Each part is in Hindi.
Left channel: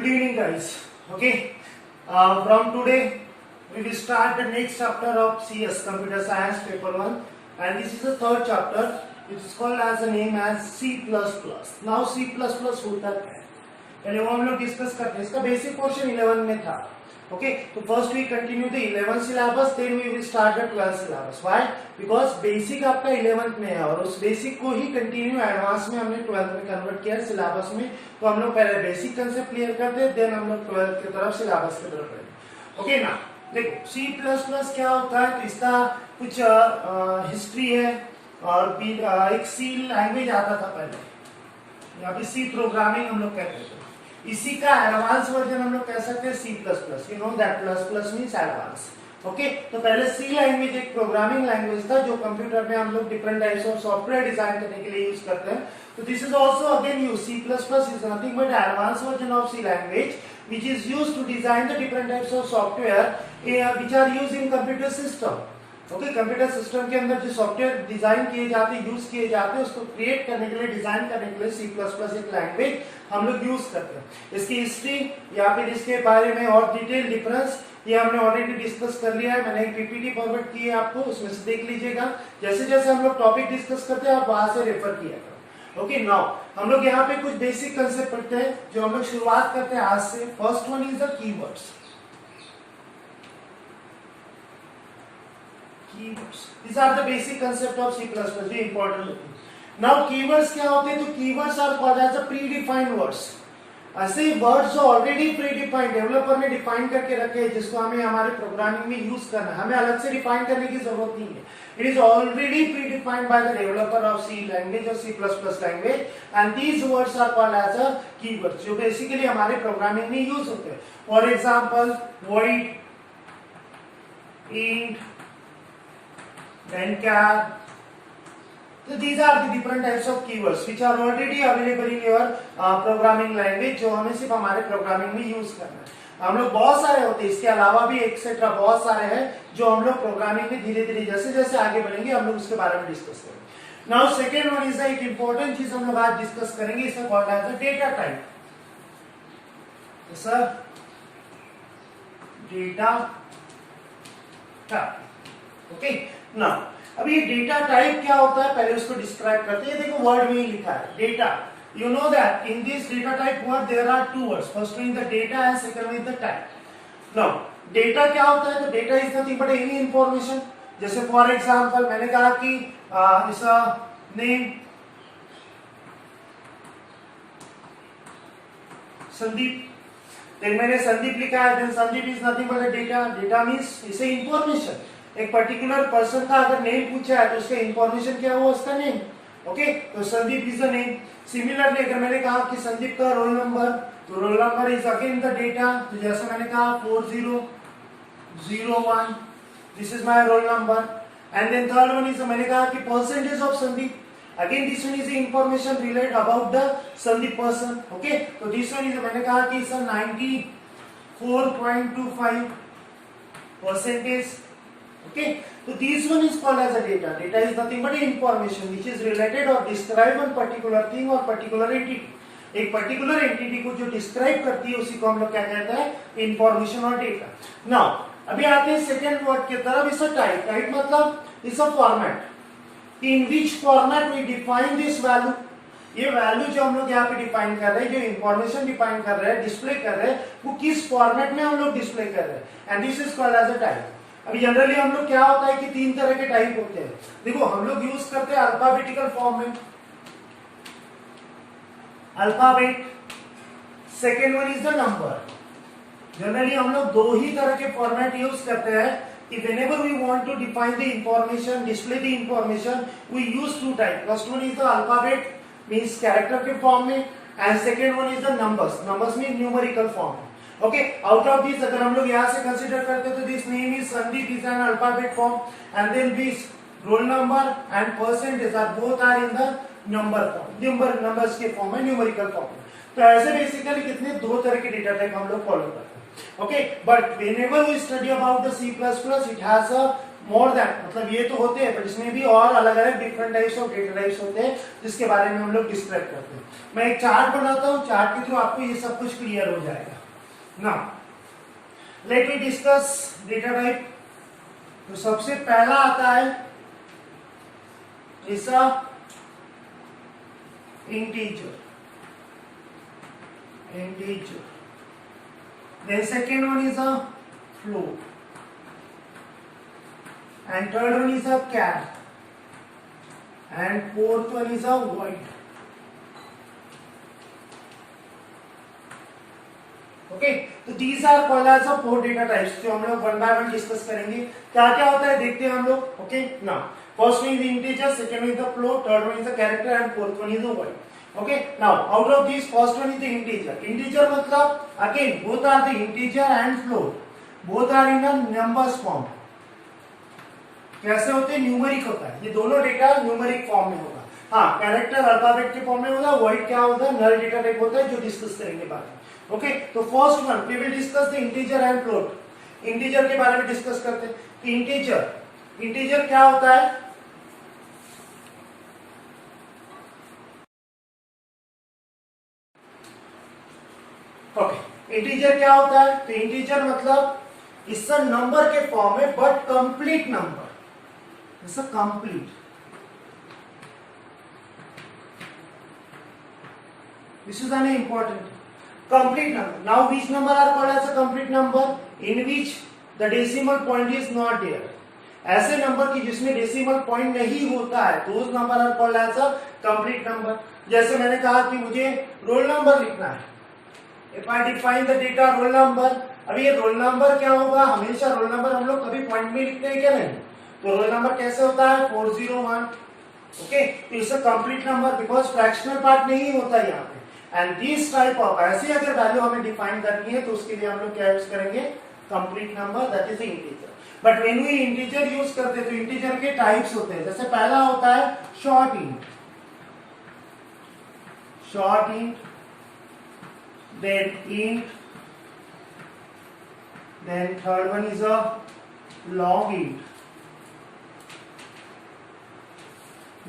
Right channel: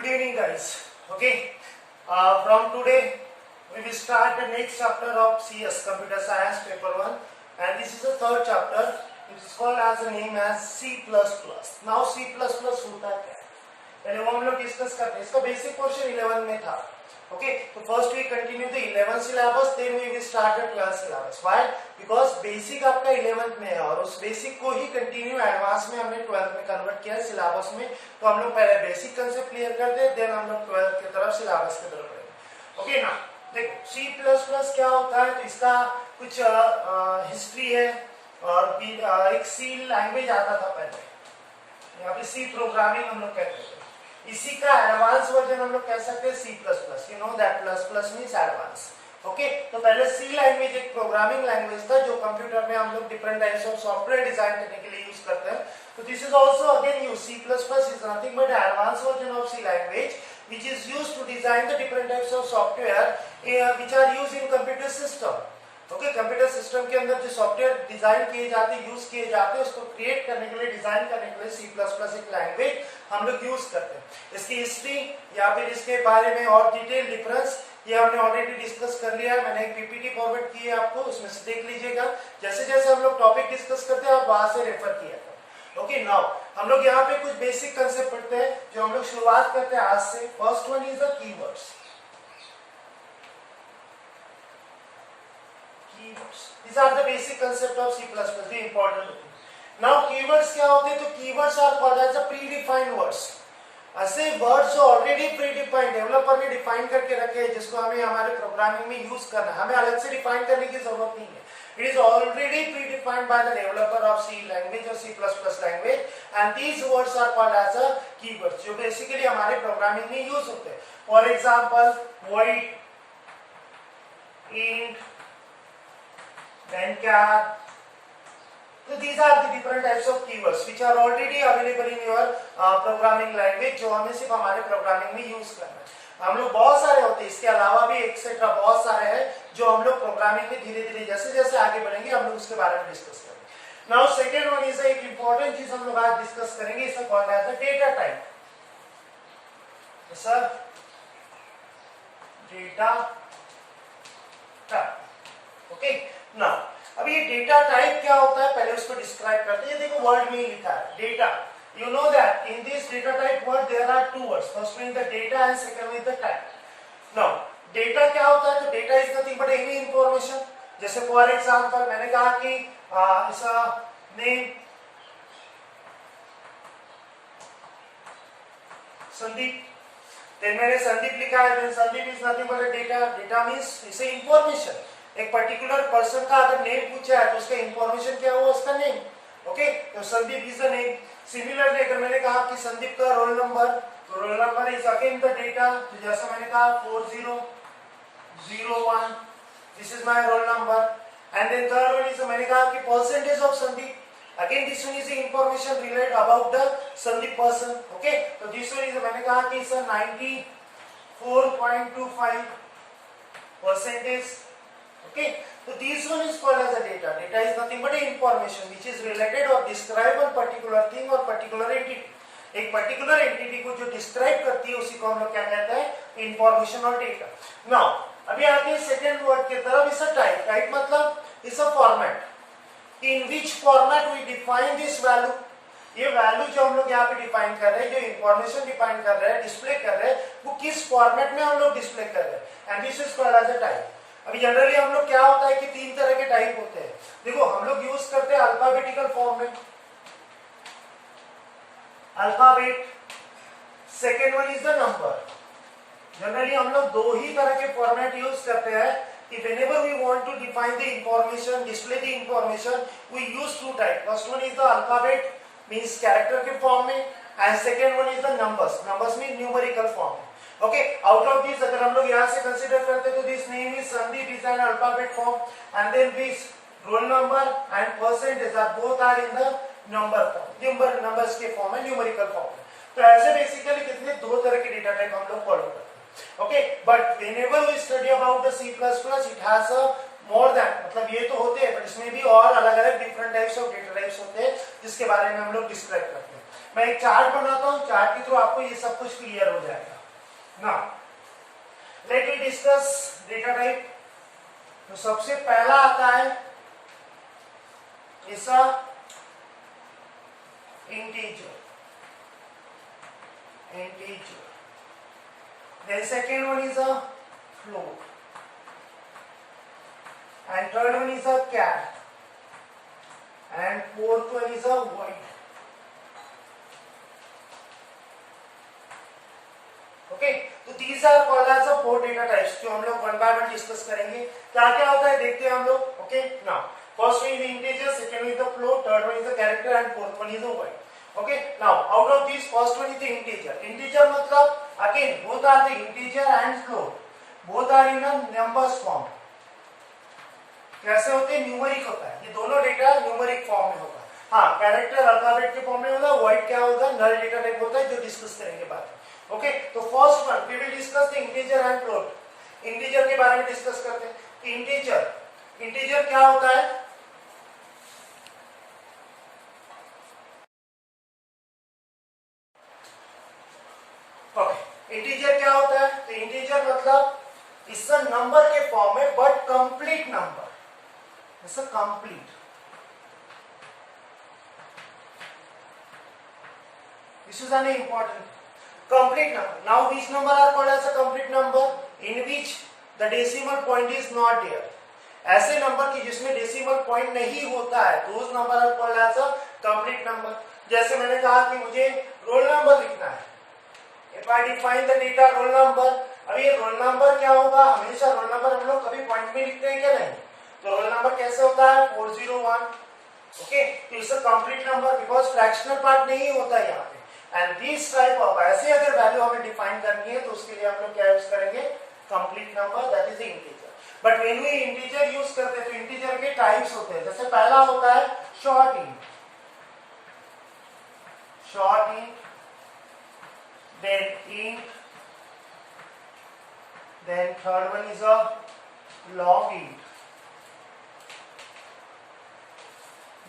Good evening, guys. Okay, from today we will start the next chapter of CS Computer Science Paper 1, and this is the third chapter, which is called as the name as C++. Now C++ होता क्या है? पहले वो हम लोग डिस्कस करते हैं. इसका बेसिक पोर्शन 11 में था. Okay, so first we continue the 11th syllabus, then we will start the 12th syllabus. Why? Because basic आपका 11th में है और उस basic को ही continue advance में हमने 12th में convert किया है syllabus में. तो हम लोग पहले basic concept clear करते हैं, then हम लोग 12th की तरफ syllabus की तरफ बढ़ेंगे. Okay ना? देखो C++ क्या होता है? तो इसका कुछ history है और एक C language आता था पहले. यहाँ पे C programming हम लोग कहते हैं. इसी का एडवांस वर्जन हम लोग कह सकते हैं C++. You know that plus means advance. Okay, तो पहले C लैंग्वेज एक प्रोग्रामिंग लैंग्वेज था जो कंप्यूटर में हम लोग different types of software design करने के लिए यूज करते हैं. तो this is also again use. C++ is nothing but advance version of C language which is used to design the different types of software which are used in computer system. Okay, computer system के अंदर जो सॉफ्टवेयर डिजाइन किए जाते हैं, यूज किए जाते हैं, उसको क्रिएट करने के लिए, डिजाइन करने के लिए C++ एक लैंग्वेज हम लोग यूज करते हैं. इसकी हिस्ट्री या फिर इसके बारे में और डिटेल डिफरेंस ये हमने ऑलरेडी डिस्कस कर लिया है. मैंने एक पीपीटी फॉरवर्ड की है आपको, उसमें से देख लीजिएगा. जैसे जैसे हम लोग टॉपिक डिस्कस करते हैं आप वहां से रेफर किया करें. ओके, नाउ हम लोग यहाँ पे कुछ बेसिक कंसेप्ट पढ़ते हैं जो हम लोग शुरुआत करते हैं आज से. First one is the keywords. Keywords. These are the basic concept of C++. The important thing. Now keywords क्या होते हैं? तो keywords are called as a predefined words. ऐसे वर्ड्स जो ऑलरेडी प्रीडिफाइंड डेवलपर ने डिफाइन करके रखे हैं जिसको हमें हमारे प्रोग्रामिंग में यूज करना है. हमें अलग से डिफाइन करने की जरूरत नहीं है. It is already predefined by the developer of C language और C++ language, and these words are called as a keywords जो बेसिकली हमारे प्रोग्रामिंग में यूज होते हैं. For example void, int, then char. So these are the different types of keywords which are already available in your programming language जो हमें सिर्फ हमारे प्रोग्रामिंग में यूज करना है. हम लोग बहुत सारे होते हैं, इसके अलावा भी एक्सेट्रा बहुत सारे हैं जो हम लोग प्रोग्रामिंग में धीरे धीरे जैसे जैसे आगे बढ़ेंगे हम लोग उसके बारे में डिस्कस करेंगे. नाउ सेकेंड वन इज एक इंपॉर्टेंट चीज हम लोग आज डिस्कस करेंगे. इसका called as data type. Sir data type. Okay, now अब ये डेटा टाइप क्या होता है पहले उसको डिस्क्राइब करते हैं. देखो वर्ड में ही लिखा है data. You know that in this data type word there are two words. First one is the data and second one is the type. Now data क्या होता है? तो data is nothing but any information. जैसे फॉर एग्जांपल मैंने कहा कि इसका नेम संदीप, देन मैंने संदीप लिखा है, then Sandeep is nothing but data. Data means इसे इंफॉर्मेशन. एक पर्टिकुलर पर्सन का अगर नेम पूछा है तो उसका इंफॉर्मेशन क्या हुआ? उसका नेम. ओके, तो Sandeep is the name. Similarly अगर मैंने कहा कि संदीप का रोल नंबर, तो roll number is again the data. तो जैसे मैंने कहा 4001, this is my roll number. And then third one is मैंने कहा कि percentage of Sandeep. Again this one is information related about the Sandeep person. Okay, तो दिस वन इज मैंने कहा कि sir 94.25 percentage. Okay, so this one is called as a data. Data is nothing but information which is related or describe one particular thing or particular entity. एक particular entity को जो describe करती है उसी को हम लोग क्या कहते हैं? Information और data. Now, अभी आते हैं second word की तरफ. इस type. Type मतलब इस format. In which format we define this value? ये वैल्यू जो हम लोग यहाँ पे डिफाइन कर रहे हैं, जो इंफॉर्मेशन डिफाइन कर रहे हैं, डिस्प्ले कर रहे हैं, वो किस फॉर्मेट में हम लोग डिस्प्ले कर रहे हैं, and this is called as a type. अभी जनरली हम लोग क्या होता है कि तीन तरह के टाइप होते हैं. देखो हम लोग यूज करते हैं अल्फाबेटिकल फॉर्म में, alphabet. Second one is the number. Generally हम लोग दो ही तरह के फॉर्मेट यूज करते हैं कि whenever we want to define the information, display the information, we use two types. First one is the alphabet, means character के फॉर्म में, and second one is the numbers. Numbers mean numerical form. Okay, out of these अगर हम लोग यहाँ से कंसिडर करते तो this name is Sandeep is an alphabet form, and then this roll number and percentage are both are in the number form. Numbers के फॉर्म में, न्यूमेरिकल फॉर्म में. तो ऐसे बेसिकली कितने दो तरह के डेटा टाइप हम लोग फॉलो करते हैं. Okay, but whenever we study about the C++, it has a more than मतलब ये तो होते हैं, पर इसमें भी और अलग अलग different types of data types होते हैं जिसके बारे में हम लोग डिस्क्राइब करते हैं। मैं एक चार्ट बनाता हूँ, चार्ट के थ्रू आपको ये सब कुछ क्लियर हो जाएगा। Now let me discuss data type. तो सबसे पहला आता है इसका integer, then second one is a float, and third one is a char, and fourth one is a void. Okay, तो these are called as a four data types जो हम लोग वन बाय वन डिस्कस करेंगे। क्या क्या होता है देखते हैं हम लोग। Okay, now first one is integer, second one is the float, third one is the character and fourth one is the void. Okay, now out of these first one is the integer. Integer मतलब again both are the integer and float. Both are in a numbers form. कैसे होते हैं? न्यूमेरिक होता है। ये दोनों डेटा न्यूमेरिक फॉर्म में होगा। हाँ, कैरेक्टर अल्फाबेट के फॉर्म में होगा, void क्या होगा? नल डेटा टाइप होता है जो डिस्कस करेंगे बाद में। ओके, तो first one we will discuss the integer and float. Integer के बारे में डिस्कस करते हैं। इंटीजर क्या होता है? ओके, इंटीजर क्या होता है? तो इंटीजर मतलब इस नंबर के फॉर्म में but complete number, complete. This is an important complete number. Now which number are called as a complete number? In which the decimal point is not there. ऐसे नंबर की जिसमें डेसिमल पॉइंट नहीं होता है, those number are called as a complete number. जैसे मैंने कहा कि मुझे रोल नंबर लिखना है, if I define the data roll number, अभी ये रोल नंबर क्या होगा? हमेशा रोल नंबर हम लोग कभी पॉइंट में लिखते हैं क्या? नहीं। तो रोल नंबर कैसे होता है? 401. Okay, it's a complete number because fractional part नहीं होता है यहाँ पे। एंड दिस टाइप ऑफ ऐसे अगर वैल्यू हमें डिफाइन करनी है तो उसके लिए हम लोग क्या यूज करेंगे? Complete number, that is integer. But when we integer use करते हैं तो इंटीजर के टाइप्स होते हैं। जैसे पहला होता है short int, then third one is a long int,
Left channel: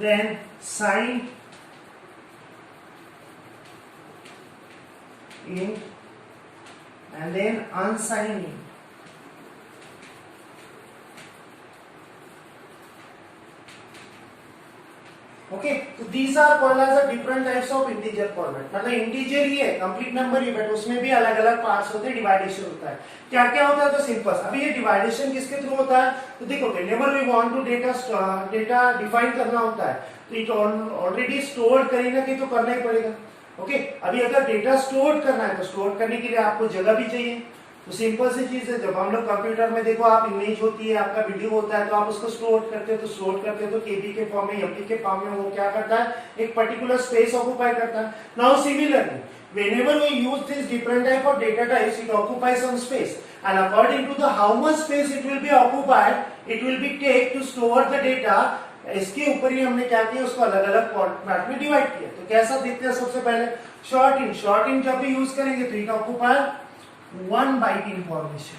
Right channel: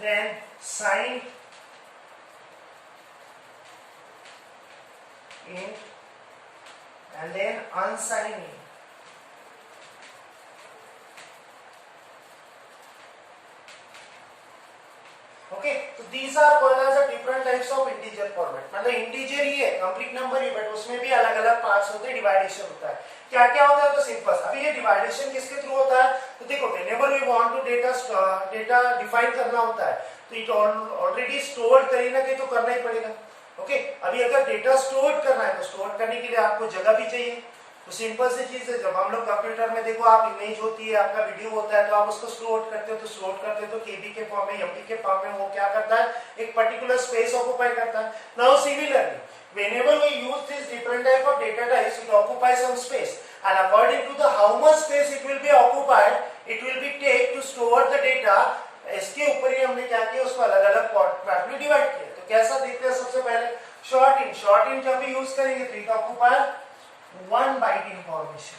then signed int, and then unsigned int. Okay, so these are called as a different types of integer format. मतलब इंटीजर ही है, कंप्लीट नंबर ही, बट उसमें भी अलग अलग पार्ट्स होते हैं, डिवाइडेशन होता है। क्या क्या होता है? तो सिंपल। अभी ये डिवाइडेशन किसके थ्रू होता है? तो देखो, whenever we want to data define करना होता है तो इट ऑलरेडी स्टोर कहीं ना कहीं तो करना ही पड़ेगा। ओके, अभी अगर डेटा स्टोर करना है तो स्टोर करने के लिए आपको जगह भी चाहिए। तो सिंपल सी चीज है, जब हम लोग कंप्यूटर में देखो आप इमेज होती है, आपका वीडियो होता है, तो आप उसको स्टोर करते हो, तो स्टोर करते हो तो केबी के फॉर्म में, एमपी के फॉर्म में, वो क्या करता है? एक पर्टिकुलर स्पेस ऑक्युपाई करता है। Now similarly whenever we use this different type of data types, it occupies some space, and according to the how much space it will be occupied, it will be take to store the data. इसके ऊपर ही हमने क्या किया? उसको अलग अलग पार्ट में डिवाइड किया। तो कैसा देखते हैं? सबसे पहले शॉर्ट इंट जब भी यूज करेंगे तो it occupy 1 byte information,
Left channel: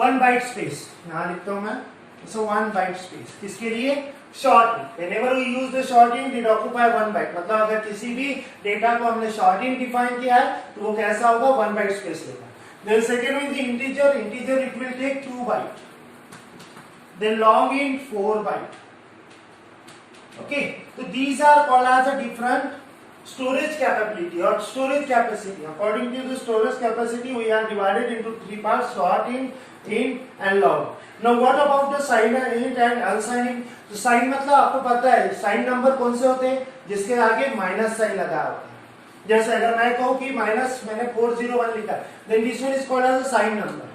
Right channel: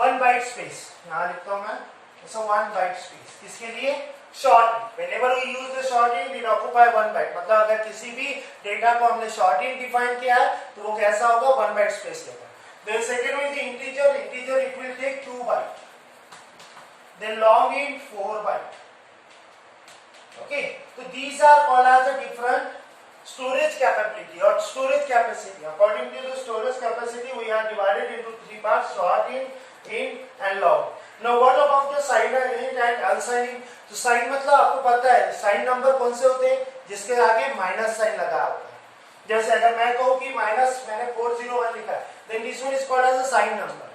1 byte space. यहां लिखता हूं मैं, सो 1 बाइट स्पेस। किसके लिए? Short int. Whenever we use the short int it occupy 1 byte. मतलब अगर किसी भी डेटा को हमने शॉर्ट इंट डिफाइन किया है तो वो कैसा होगा? 1 बाइट स्पेस लेगा। Then second is integer it will take 2 byte, then long int 4 byte. Okay, so these are called as a different storage capability or storage capacity. According to the storage capacity, we are divided into 3 parts: short int and long. Now what about the signed int and unsigned int? तो साइन मतलब आपको पता है साइन नंबर कौन से होते हैं? जिसके आगे माइनस साइन लगा होता है। जैसे अगर मैं कहूँ कि माइनस मैंने 401 लिखा है, then this one is called as a sign number.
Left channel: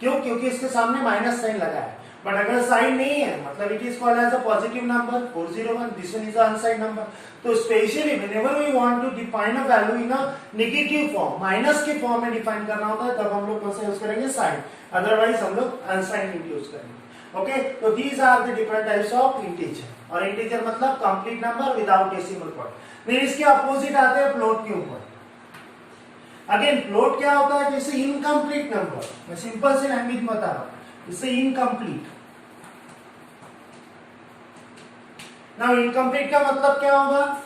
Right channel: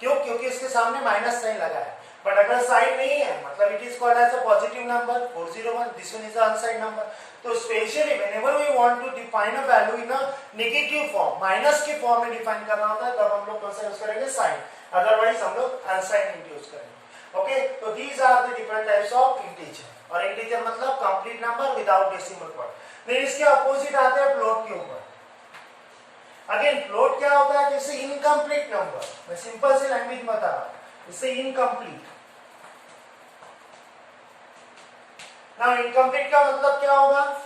क्यों? क्योंकि इसके सामने माइनस साइन लगा है। बट अगर साइन नहीं है मतलब it is called as a positive number 401, this one is unsigned number. तो specially whenever we want to define a value in a negative form, minus के फॉर्म में डिफाइन करना होता है, तब हम लोग कौन सा यूज करेंगे? साइन। अदरवाइज हम लोग अनसाइंड इंट यूज करेंगे। ओके, तो these are the different types of integer. और इंटीजर मतलब complete number without decimal point. Then इसके अपोजिट आते हैं फ्लोट के ऊपर। अगेन फ्लोट क्या होता है? जैसे इनकम्प्लीट नंबर। मैं सिंपल से लैंग्वेज बता रहा हूं। इससे इनकम्प्लीट। नाउ इनकम्प्लीट का मतलब क्या होगा?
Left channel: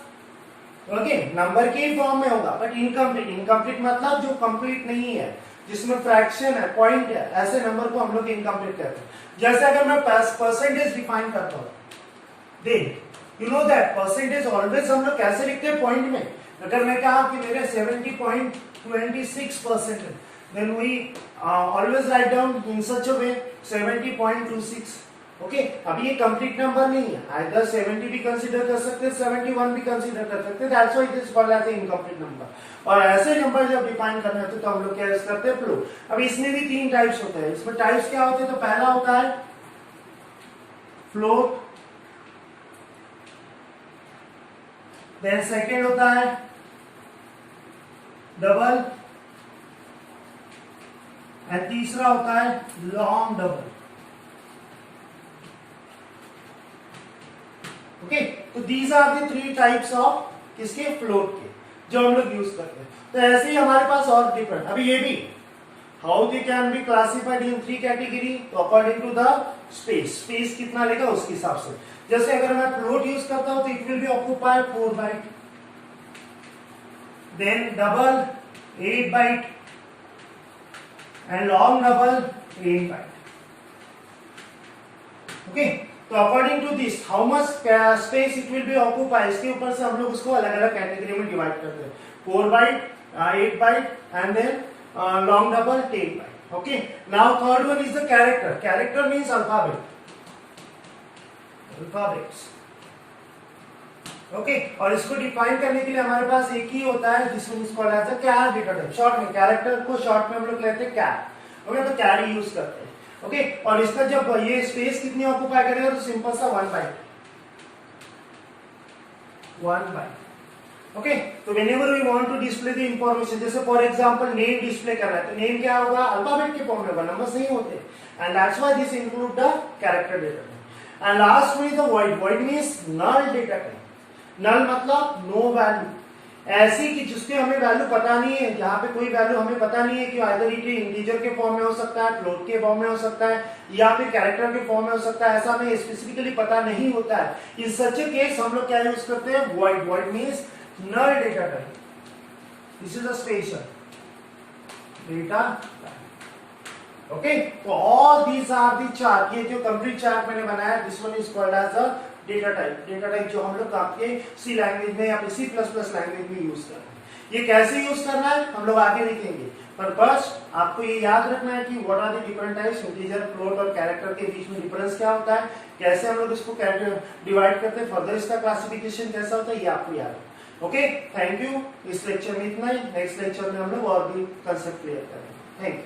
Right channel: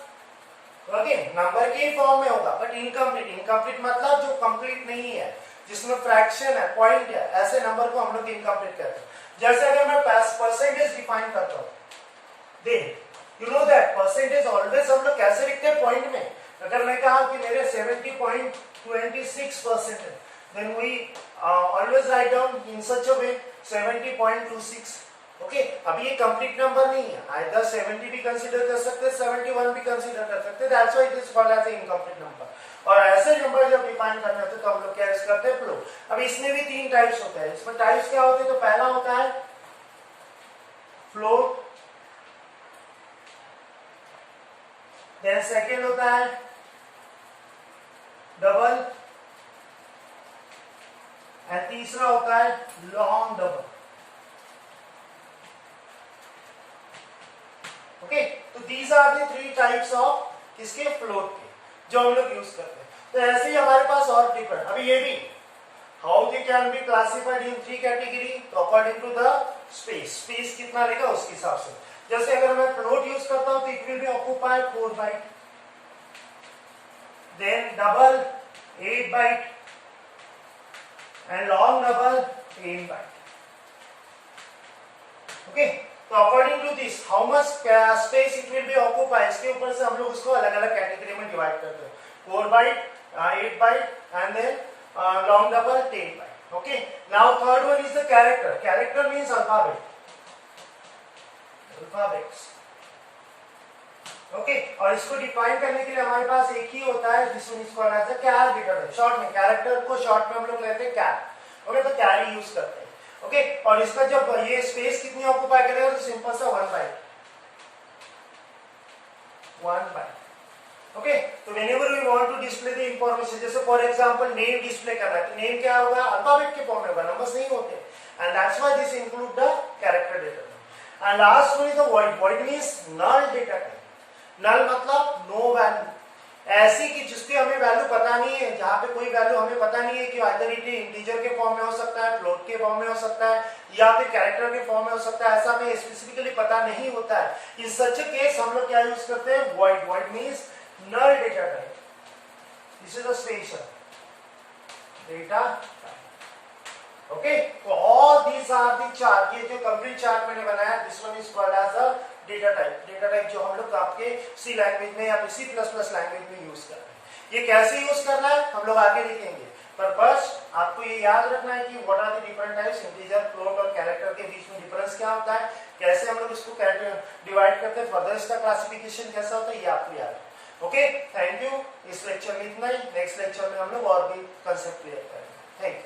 ओके, नंबर के फॉर्म में होगा बट इनकम्प्लीट। इनकम्प्लीट मतलब जो कंप्लीट नहीं है, जिसमें फ्रैक्शन है, पॉइंट है, ऐसे नंबर को हम लोग इनकम्प्लीट कहते हैं। जैसे अगर मैं परसेंटेज डिफाइन करता हूं, then you know that percentage always हम लोग कैसे लिखते हैं? पॉइंट में। अगर मैं कहा कि मेरे 70.26% है, then we always write down in such a way 70.26. Okay, अभी ये कंप्लीट नंबर नहीं है, आइदर 70 भी कंसीडर कर सकते हैं, 71 भी कंसीडर कर सकते हैं, that's why it is called as incomplete number. और ऐसे नंबर जब डिफाइन करने होते तो हम लोग क्या यूज करते हैं? फ्लोट। अब इसमें भी 3 टाइप्स होते हैं। इसमें टाइप्स क्या होते हैं? तो पहला होता है फ्लोट, देन सेकेंड होता है डबल, एंड तीसरा होता है लॉन्ग डबल। ओके, तो these are the 3 types of इसके फ्लोट के जो हम लोग यूज करते हैं। तो ऐसे ही हमारे पास और डिफरेंट, अभी ये भी how they can be classified in 3 category, तो according to the space. Space कितना लेगा उसके हिसाब से। जैसे अगर मैं फ्लोट यूज करता हूं तो it will be occupied 4 byte, then double 8 byte and long double 10 byte. Okay, तो according to this how much space it will be occupy, इसके ऊपर से हम लोग उसको अलग अलग कैटेगरी में डिवाइड करते हैं। 4 byte, 8 byte and then long double 10 byte. Okay, now third one is the character. Character means alphabet, alphabets. Okay, और इसको डिफाइन करने के लिए हमारे पास एक ही होता है जिसमें इसको कहा जाता है कैर डेटा टाइप। शॉर्ट में कैरेक्टर को शॉर्ट में हम लोग लेते हैं कैर। ओके, तो कैर ही यूज करते हैं। ओके, और इसका जब ये स्पेस कितनी ऑक्यूपाई करेगा? तो सिंपल सा 1 बाइट, 1 बाइट। ओके, तो whenever we want to display the information, जैसे फॉर एग्जांपल नेम डिस्प्ले करना है, तो नेम क्या होगा? अल्फाबेट के फॉर्म में होगा, नंबर्स नहीं होते, and that's why this include the character data. And last one is the void. Void means null data type. Null मतलब नो वैल्यू, ऐसी कि जिसकी हमें वैल्यू पता नहीं है, जहां पे कोई वैल्यू हमें पता नहीं है कि आइदर इट इंटीजर के फॉर्म में हो सकता है, फ्लोट के फॉर्म में हो सकता है, या फिर कैरेक्टर के फॉर्म में हो सकता है, ऐसा हमें स्पेसिफिकली पता नहीं होता है। इन सच ए केस हम लोग क्या यूज करते हैं? Void. Void means null data type. This is a special data type. Okay, तो all these are the chart, ये जो कंप्लीट चार्ट मैंने बनाया, this one is called as a data type. Data type जो हम लोग आपके सी लैंग्वेज में या फिर C++ लैंग्वेज में यूज कर रहे हैं। ये कैसे यूज करना है हम लोग आगे देखेंगे, पर बस आपको ये याद रखना है कि what are the different types, integer, float और कैरेक्टर के बीच में डिफरेंस क्या होता है, कैसे हम लोग इसको डिवाइड करते हैं, फर्दर इसका क्लासिफिकेशन कैसा होता है, ये आपको याद है। Okay, thank you. इस लेक्चर में इतना ही, नेक्स्ट लेक्चर में हम लोग और भी कंसेप्ट क्लियर करेंगे। Thank you.